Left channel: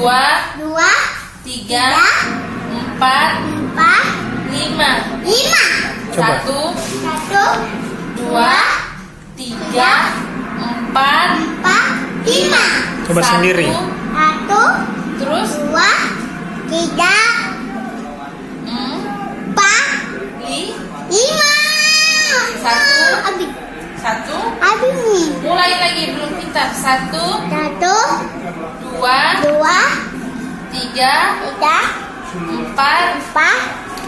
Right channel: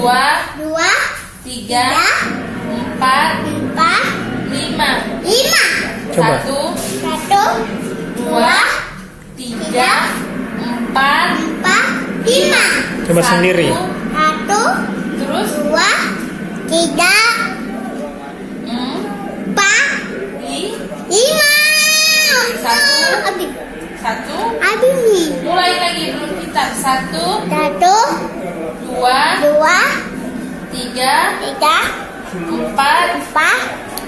dua, dua, tiga, tiga, empat, empat, lima. lima. Coba. Satu, Satu, dua, tiga, empat, empat, lima. Coba sendiri. Satu, Terus dua, tiga, empat, lima. Satu. Habis. satu. Habis nih. Mulai lagi belum pintar. Satu, Satu, dua, dua, tiga, tiga, empat, empat,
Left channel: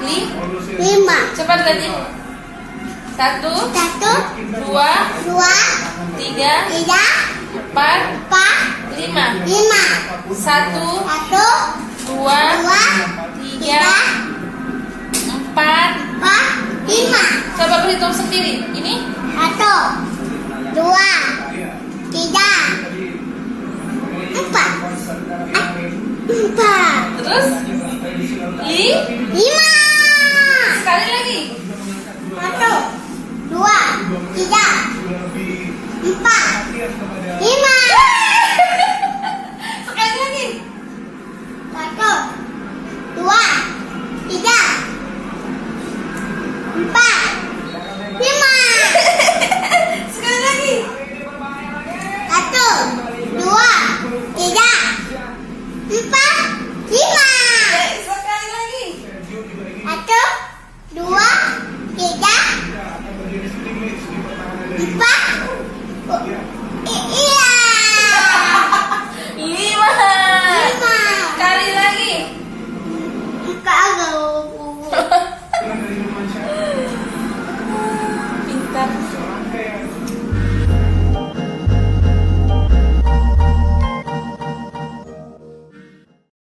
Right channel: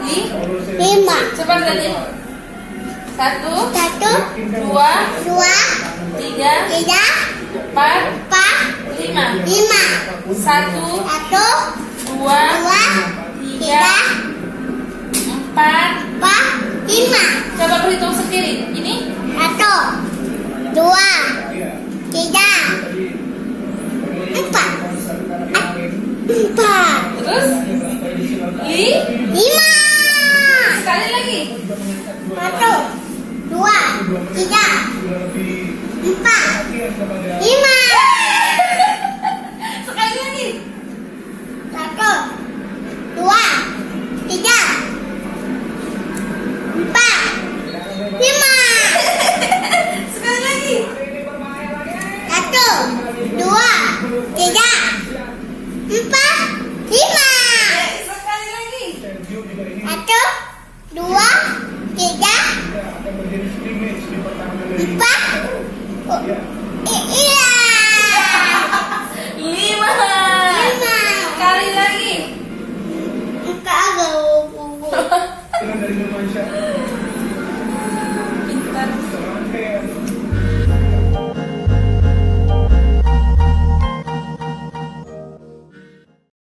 lima. lima. Cepat tadi. Satu, Satu, dua, dua, tiga, tiga, empat, empat, lima. lima. Satu, Satu, dua, dua, tiga, tiga, empat. empat, lima. Coba berhitung sendiri. Ini Satu, dua, tiga, empat, empat. terus